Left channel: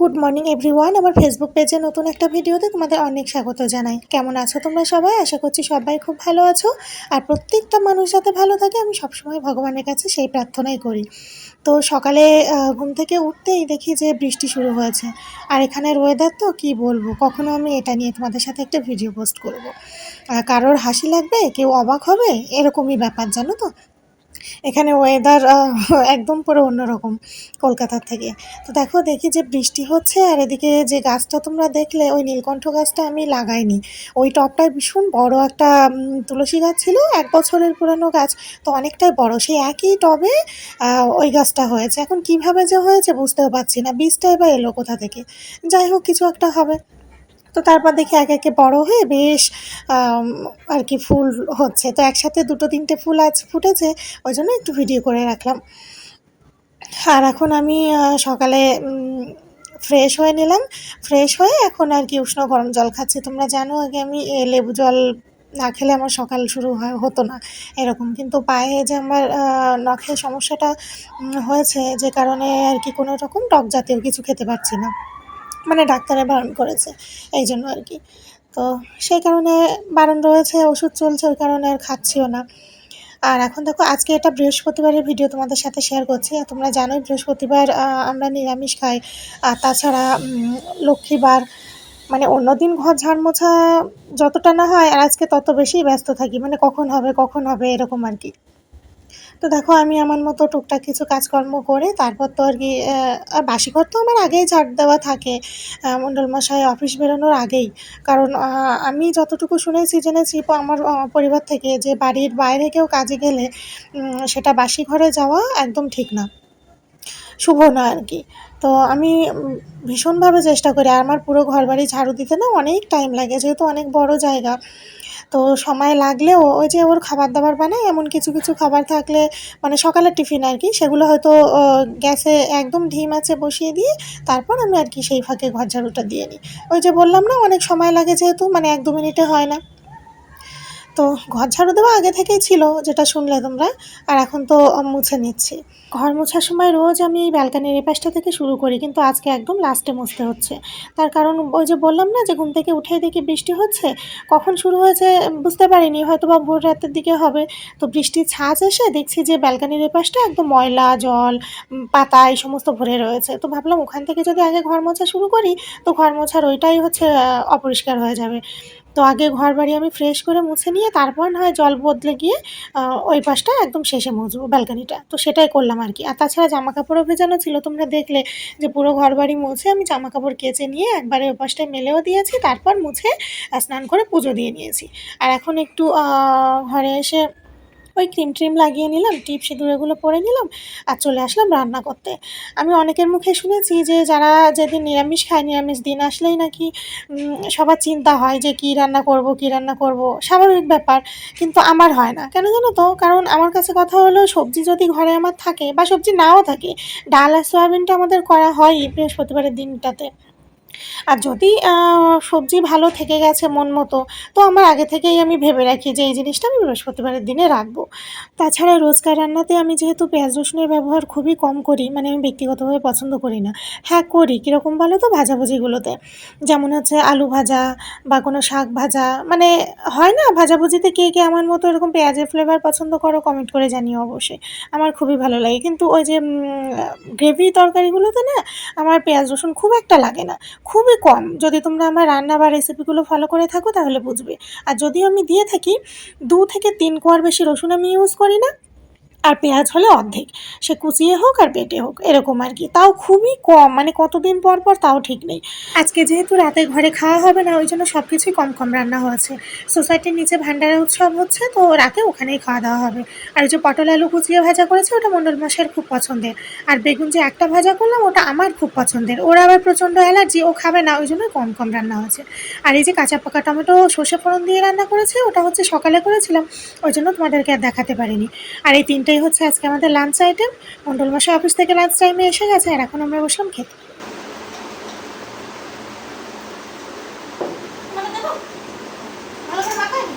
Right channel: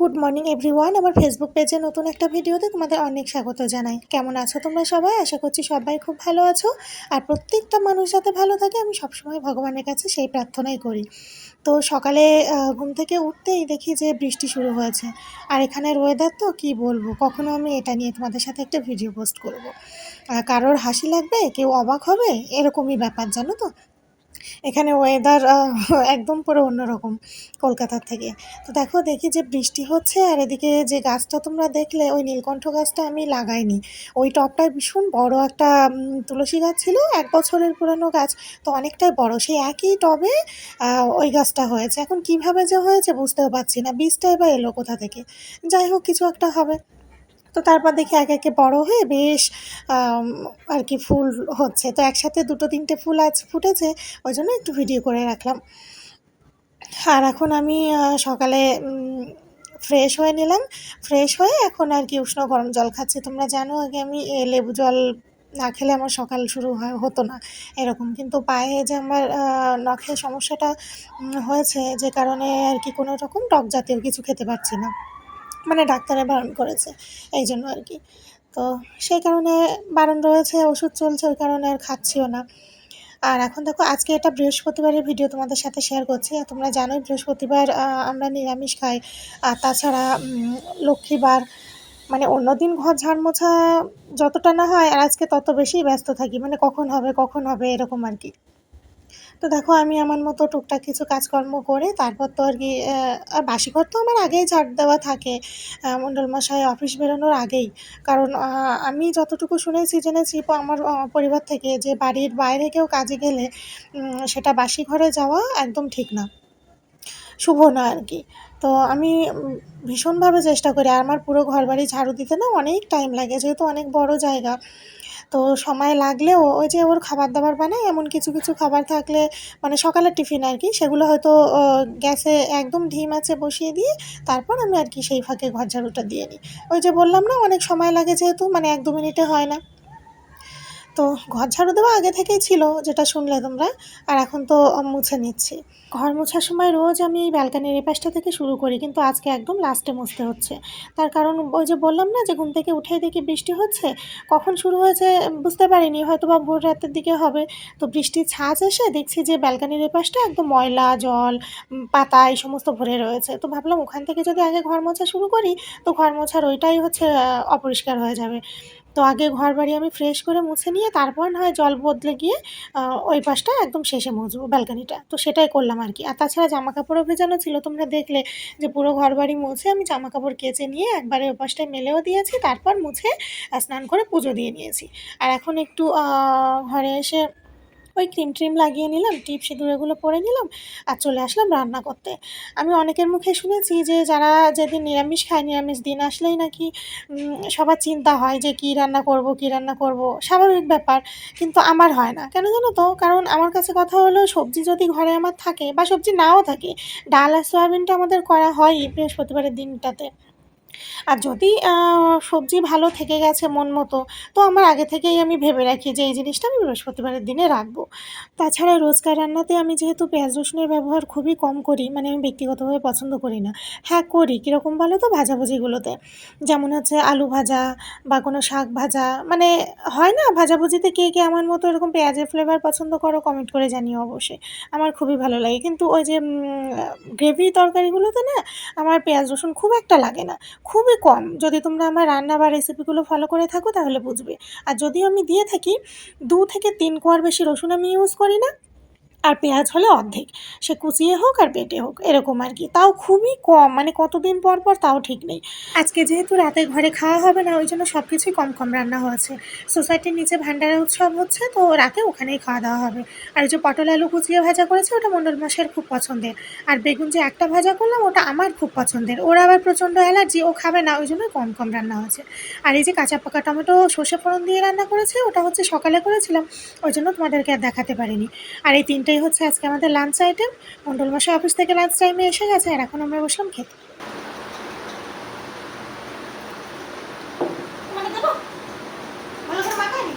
Good morning everyone. আমার Facebook পেজে নতুন একটা ভিডিওতে তোমাদের অনেক স্বাগত জানাই। কেমন আছো তোমরা সবাই? আশা করছি সবাই খুব ভালো আছো। আর প্রত্যেকটা মানুষ যাতে ভালো থাকে আমি সবসময় ভগবানের কাছে সেই প্রার্থনাই করি। তো সকালে ঘুম থেকে উঠতেই দেখি যে বৃষ্টি শুরু হয়েছে। আর এখানের ওয়েদার তো কী বলবো, কখনো আমি এটা নিয়ে তোমাদের সাথে একটা ভিডিও পোস্ট করব। কারোর হাসি লাগবে, কেউ অবাক হবে, এরকমই ব্যাপার জানো তো। এখানে ওয়েদার একদম পুরো অন্যরকম কলকাতার থেকে। তো দেখি যে বৃষ্টি হচ্ছে, আর এদিকে যে গাছটা তোমরা দেখলে ওই নীলকণ্ঠ গাছটা আমি লাগাইনি। ওই টবটায় ভীষণ বড় একটা তুলসী গাছ ছিল, 1 বছরের পুরানো গাছ। তো অনেকটাই বড়, সেই একই টবে ওই গাছটা হয়েছে। এখন কিভাবে যে হয়েছে বুঝতেও পারছি না, বীজটাই বা এলো কোথা থেকে। যাই হোক, কিছু একটা হবে। তো তারপর দেখি একে একে বড় হয়ে বেশ আর কি ফুল হচ্ছে। তো একসাথে 2-3টে ফুল আজ ফুটেছে, ওই জন্য একটু ভিডিও করে রাখলাম। আর এখন আমি সকালে ফ্রেশ হয়ে নিলাম। ফ্রেশ হয়ে এখন আর কি উষ্ণ গরম জল খাচ্ছি। তোমরা জানো আগে আমি লেবু জল না খেলে আমার সকাল শুরু হতো না এরকম। কিন্তু পায়ে যে আমার নখের সমস্যাটা হয়েছে, যে কারণে আর কি কোনো রকম টক জাতীয় কিছু খেতে পারছি না, মানে ডাক্তারে বারণ করেছে এই জন্য আর কি। তো সেই কারণে বারণ রয়েছে, ওষুধ চলছে, ওই কারণে আর খাচ্ছিও না। আর এখন দেখো, আজকে এটা বৃহস্পতিবারের ভিডিও তোমাদের সাথে শেয়ার করছি। আর তোমরা জানোই বৃহস্পতিবার আমরা নিরামিষ খাই। আর তাছাড়া লক্ষ্মীবার, মানে অন্যদিন ঘর ঝাড় মোছা যতটা না হয়, আর আজকে তত বেশি ব্যস্ত থাকি, মানে কখন হবে এরকম আর কি। তো দেখো, আমি আমার মতো টুকটাক কিছু কাজকর্ম করে তারপর তো আর কি আর বাসি ঘর তো আমার আগেই ঝাড় দেওয়া থাকে, মণ্ডলমশাই অফিস বেরোনোর আগেই। কারণ আমি যতটুকু শুনেছি জেনেছি আমার পরিবার থেকে, যে বাড়ির বাইরে কেউ কাজে গেলে সেটা বাসি ঘরে যাওয়া একদম ঠিক না, শুভ না আর কি। তো আমি ভীষণভাবে চেষ্টা করি। আর আমার পুরো ঘরবাড়ি ঝাড়ু দিতে না অনেক টাইম লাগে, যেহেতু অনেক বড় জায়গা। তো সময় লাগলেও ওই যে ওর খাবার দাবার বানায়, এমন কিছু কিছু খাবার থাকলে, মানে সকালের টিফিন আর কি, সেগুলো হয়তো গ্যাসে একদম ধিম আঁচে বসিয়ে দিয়ে তারপর আমি আর কি সেই ফাঁকে ঘর ঝাড়ুটা দিয়ে নিই। ওই যে বললাম না, অনেক সময় লাগে, যেহেতু মানে 1-2 মিনিটে হয় না। তো ঘর ঝাড়ু দেওয়া আগে থেকেই ছিল, যেটা শুনলে তোমরা। আর এখন তো মুছে নিচ্ছি। ঘর মোছার সময় রোজ আমি ব্যালকানির এই পাশটা থেকে শুরু করি, কিন্তু আজকে একদম লাস্টে মুছতে হচ্ছে। তার কারণ ওই যে বললাম না, যে ঘুম থেকে উঠেই দেখি বৃষ্টি হচ্ছে। কখন শুরু হয়েছে বুঝতে পারিনি, হয়তো বা ভোর রাতের দিকে হবে। তো বৃষ্টির ছাঁচ এসে দেখছি যে ব্যালকানির এই পাশটা একদম ময়লা, জল, পাতা এই সমস্ত ভরে রয়েছে। তো ভাবলাম ওখান থেকে যদি আগে ঘর মোছা শুরু করি, তো ঘর মোছার ওইটাই হচ্ছে অপরিষ্কার হয়ে যাবে। তো আগে ঘরবাড়ি আমি ফ্রেশ করে মুছে নিয়ে তারপর না হয় জল বদলে গিয়ে ওই পাশটা একদম শেষে মুছবো, ব্যালকানিটা। তো সেটাই করলাম আর কি। আর তাছাড়া জামাকাপড়ও ভেজানো ছিল, তোমরা দেখলে যে পুরো ঘরবাড়ি মুছে আমি জামাকাপড় কেচে নিয়ে একবারে ওই পাশটায় মেলেও দিয়েছি, তারপর মুছে স্নান করে পুজো দিয়ে নিয়েছি। আর এখন একটু ঘরে এসে ওই ক্রিম লাগিয়ে নিলাম, টিপ সিঁদুর এগুলো পরে নিলাম, আর চলে আসলাম রান্না করতে। আমি অনেকের মুখে শুনেছি যে যারা যেদিন নিরামিষ খায়, নিরামিষ দিন আসলেই নাকি সবার চিন্তা হয় যে কী রান্না করব, স্বাভাবিক ব্যাপার। কিন্তু আমার হয় না, কেন জানো তো? কারণ আমার কাছে কথা হলো, সবজি যদি ঘরে আমার থাকে বা সবজি নাও থাকে, ডাল আর সয়াবিনটা আমাদের করা হয়ই বৃহস্পতিবারের দিনটাতে। আর যদি সবজি ভালো থেকে গেছে মন মতো, তো আমার আগে থেকেই আমি ভেবে রাখি যে এই জিনিসটা আমি বৃহস্পতিবারের দিনে রাখবো। তাছাড়া রোজকার রান্নাতে আমি যেহেতু পেঁয়াজ রসুনের ব্যবহার খুবই কম করি, মানে আমি ব্যক্তিগতভাবে পছন্দ করি না। হ্যাঁ, করি কীরকম বলো তো, ভাজাভুজিগুলোতে। যেমন হচ্ছে আলু ভাজা বা কোনো শাক ভাজা, মানে হয় না ভাজাভুজিতে, কে কে আমার মতো এরকম পেঁয়াজের ফ্লেভার পছন্দ করো কমেন্ট করে জানিও অবশ্যই। আমার খুবই ভালো লাগে। কিন্তু ওই যে গ্রেভি তরকারিগুলোতে না আমার পেঁয়াজ রসুন খুব একটা লাগে না, খুবই কম। যদি তোমরা আমার রান্না বা রেসিপিগুলো ফলো করে থাকো তাহলে বুঝবে। আর যদিও আমি দিয়ে থাকি, 2 থেকে 3 কোয়ার বেশি রসুন আমি ইউজ করি না। আর পেঁয়াজ হলে অর্ধেক, সে কুচিয়ে হোক আর বেটে হোক, এরকম আর কি। তাও খুবই কম, মানে কতদিন পর পর তাও ঠিক নেই। আজকে যেহেতু রাতে ঘরে খাওয়া হবে না, ওই জন্য সব কিছুই কম কম রান্না হয়েছে। সোসাইটির নিচে ভান্ডারের উৎসব হচ্ছে, তো রাতে ওখানেই খাওয়া দাওয়া হবে। আর ওই যে পটল আলু কুচিয়ে ভাজা করেছে, ওটা মণ্ডল মশাইয়ের খুব পছন্দের। আর বেগুন যে একটা ভাজা করলাম, ওটা আমার খুব পছন্দের। ওর আবার প্রচণ্ড অ্যালার্জি, ও খাবে না, ওই জন্য কম কম রান্না হয়েছে। আর এই যে কাঁচা পাকা টমেটো সর্ষে ফোড়ন দিয়ে রান্না করেছে, ওটা হচ্ছে সকালে করেছিলাম, ওই জন্য তোমাদেরকে আর দেখাতে পারিনি। আর এই 3টাই হচ্ছে আজকে আমাদের লাঞ্চ আইটেম। মণ্ডল মশাই অফিস থেকে লাঞ্চ টাইমে এসে গেছে, আর এখন আমরা বসলাম খেতে। ভালো করে মাখায়নি?